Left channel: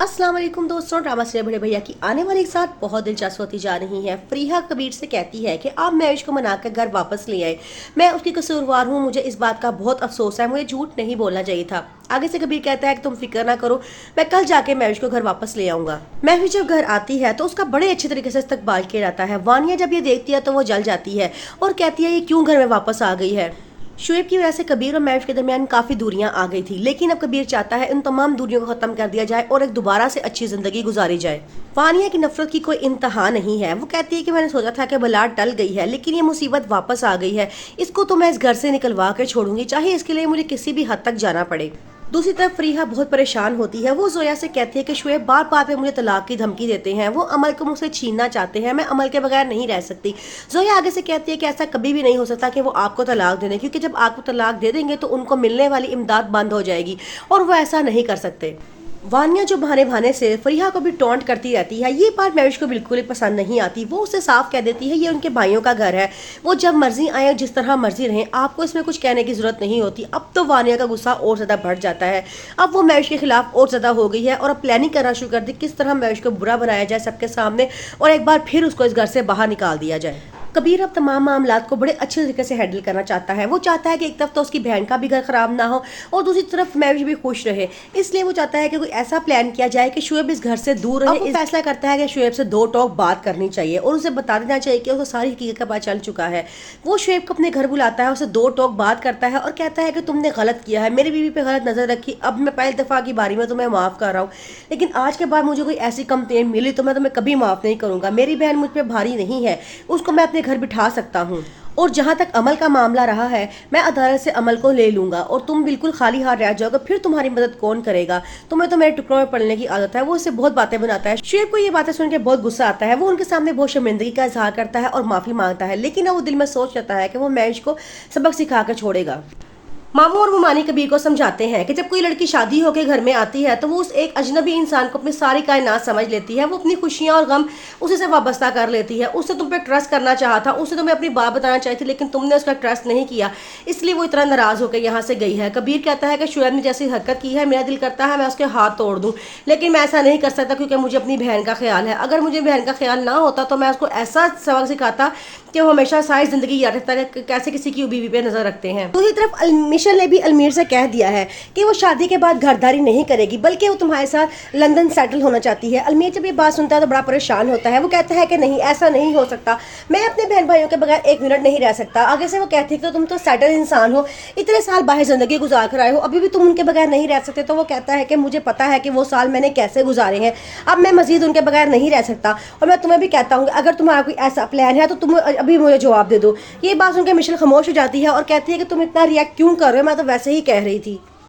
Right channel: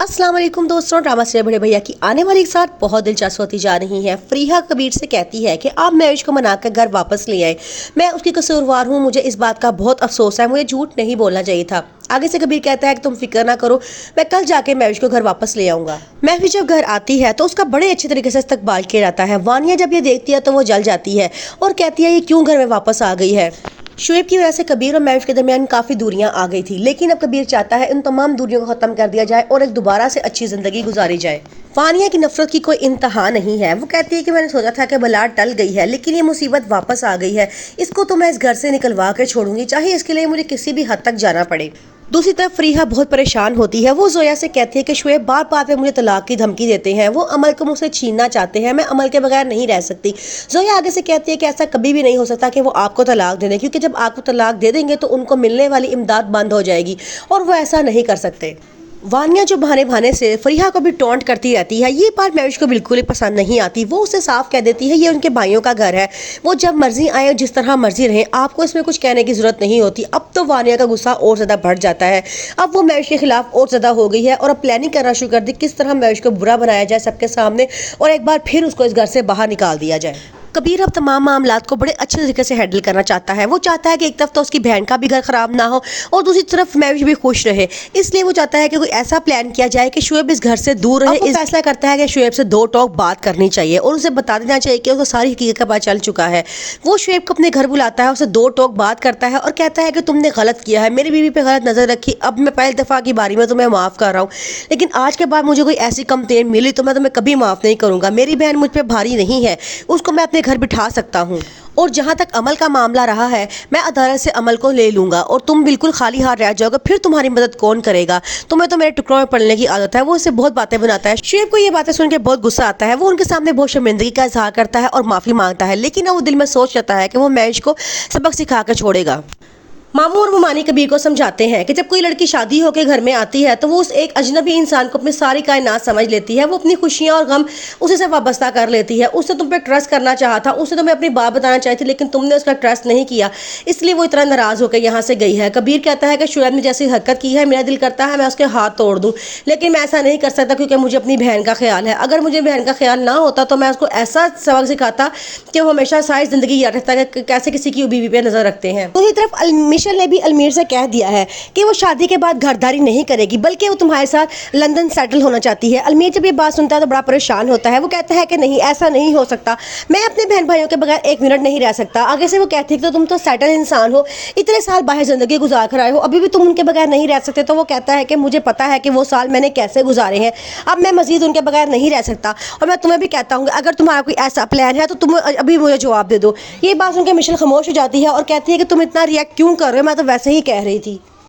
अस्सलाम वालेकुम दोस्तों, ड्रामा से बड़े भैया की आने वाली एक साथ बहुत दिलचस्प होती जा रही है। फरीहा कबीर से कहती है कि आप मैविश को मनाकर घर वापस ले आए। मैं उसकी कसूरवार हूँ, मुझे इस बात का बहुत अफसोस है, मुझे झूठ नहीं बोलना चाहिए था। आगे से कबीर कहता है कि तुम फिक्र ना करो, मैं कल जाके मैविश को घर वापस ले आऊंगा। मैविश जब घर आती है तो उसका बड़े अच्छे तरीके से इस्तकबाल किया जाता है। वानिया जब ये देखती है तो वो जल जाती है और कहती है ये क्यों घर में वापस आ गई है। शुएब की वजह से कबीर और मैविश के दरमियान काफ़ी दूरियां आ गई थी, लेकिन अब कबीर चाहता है इन तमाम दूरियों को ख़त्म कर दिया जाए और एक दोबारा से अच्छी ज़िंदगी गुजारी जाए। वानिया की नफरत की कोई इंतहा नहीं है। वो कहती है कि मैंने सोचा था कि बला टल गई है, लेकिन ये मुसीबत वापस आ गई है। इसको तो मैं इस घर से निकलवा कर छोड़ूंगी, चाहे इसके लिए मुझे किसी भी हद तक जाना पड़े। दूसरी तरफ फरीहा बहुत परेशान होती है। वो जोया से कहती है कि शुएब बार बार पे मुझे तलाक की धमकी देते हैं, वो अमल को मुझसे छीनना चाहते हैं, मैं अमल के बगैर नहीं रह सकती। जोया आगे से कहती है कि ऐसा कभी भी नहीं हो सकता कि वो आपको तलाक दे दें, क्योंकि जब आपको तलाक दे देंगे तो उनको मिलने वाली इमदाद बंद हो जाएगी और वो ऐसा नहीं कर सकते। वानिया जो बहाने बहाने से फरीहा को भी टॉन्ट करती रहती है, ये बात मैविश को बिल्कुल ही पसंद नहीं आती। वो उसे साफ कह देती है ये उनके भाइयों का घर है, वो जब मर्जी आए और जिस तरह मर्जी रहें, आपको इसमें कुछ कहने की जरूरत नहीं होती। अब तो वानिया का गुस्सा और ज़्यादा बढ़ जाता है। अब वो मैविश के खिलाफ और ज़्यादा हो गई है और अब प्लानिंग करना शुरू कर दी किस तरह मैविश को बुरा बनाया जाए सबके सामने और एक बार फिर उसको इस घर से बाहर निकाल दिया जाए। कबीर अब तमाम मामलात को बड़े अच्छे तरीके से हैंडल करना चाहता है। वो चाहता है कि एक तरफ तो उसकी बहन का भी घर खराब ना हो और दूसरी तरफ मैविश भी खुश रहे। इसलिए वो चाहता है कि कोई ऐसा प्लान किया जाए कि शुएब इस घर से दूर रहे। इस फैसला करता है कि शुएब से दो टॉक बात करनी चाहिए और उसे बता देना चाहिए कि उसको सारी हकीकत का पता चल चुका है। वो शुएब को अपने घर बुलाता है, उसे दो टॉक बात करता है और कहता है कि तुमने गलत किया है, मेरी बीवी पे गलत नजर रखी, अब मैं पहली दफा की बारी में तुम्हें माफ कर रहा हूँ, लेकिन आज के बाद मुझे कोई ऐसी कंप्लेंट मिली तो मैं तुम्हें कभी माफ नहीं करूंगा। मेरी बहन मुझ पर भारी नहीं है, उसको मैं अपने घर बिठा सकता हूँ और जहाँ तक अमल का मामला रहा है, मैं अदालत से अमल को ले लूंगा और तुम बिल्कुल खाली हाथ रह जाओगे, फिर तुम्हारी मदद कौन करेगा, तुम्हें तो मेरे टुकड़ों में पड़ने की आदत है। वो इससे बहुत बातें बनाता है। शुएब को ये बातें सुनकर बहुत गुस्सा आता है। वो उनके सामने बहुत शर्मिंदगी का इजहार करता है और माफी मांगता है, लेकिन वो दिल में सोच लेता है कि वो मैविश को सबक सिखा कर छोड़ेगा। मामू और मुमानी कबीर को समझाते हैं कि जब कोई लड़की शादी होकर घर में आती है तो वो उस एक अजनबी इंसान को अपनी सारी कायनात समझ लेती है। वो अपनी खुशियां और गम उसे से वाबस्ता कर लेती है। उससे तुम पे ट्रस्ट करना चाहा था, उसे तुम्हें अपनी बात बताना चाहिए थी, लेकिन तुमने उसका ट्रस्ट नहीं किया, इसलिए वो इतना नाराज होकर यहाँ से गई है। कबीर कहता है कि शुएब ने जैसी हरकत की है, मेरा दिल करता है मैं उसके हाथ तोड़ दूँ, लेकिन मैं ऐसा नहीं कर सकता क्योंकि मुझे अपनी बहन का ख्याल है। अगर मुझे बहन का ख्याल ना होता तो मैं उसको ऐसा सबक सिखाता कि वो हमेशा सारी जिंदगी याद रखता है कि कैसे किसी की बीवी पे नजर रखते हैं। दूसरी तरफ मिशेल ने भी अलमीर कह दिया है कि वो शादी के बाद घरदारी नहीं करेगी, बल्कि वो तुम्हारे साथ लंदन सेटल होना चाहती है। अलमीर जब ये बात सुनता है तो बड़ा परेशान होता है। वो कहता है कि नहीं, ऐसा नहीं हो सकता, मैं अपने बहन भाइयों के बगैर एक मिनट नहीं रह सकता। आगे से वो कहती है कि तो तुम तो सेटल इंसान हो, इतने साल बाहर जिंदगी गुजार कर आए हो, अभी भी तुम उनके बगैर नहीं रह सकते। तो वो कहता है कि मुझे पता है कि वो साल मैंने कैसे गुजारे हैं, अब मैं मजीद उनके बगैर नहीं रह सकता और मैं तुम्हें भी कहता हूँ अगर तुम्हारा कोई ऐसा प्लान है तो तुम अभी मुझे जवाब दे दो। ये बात सुनकर मिशेल खामोश हो जाती है और कहती है कि तुम इतना रिएक्ट क्यों कर रहे हो, मैं तो वैसे ही कह रही थी।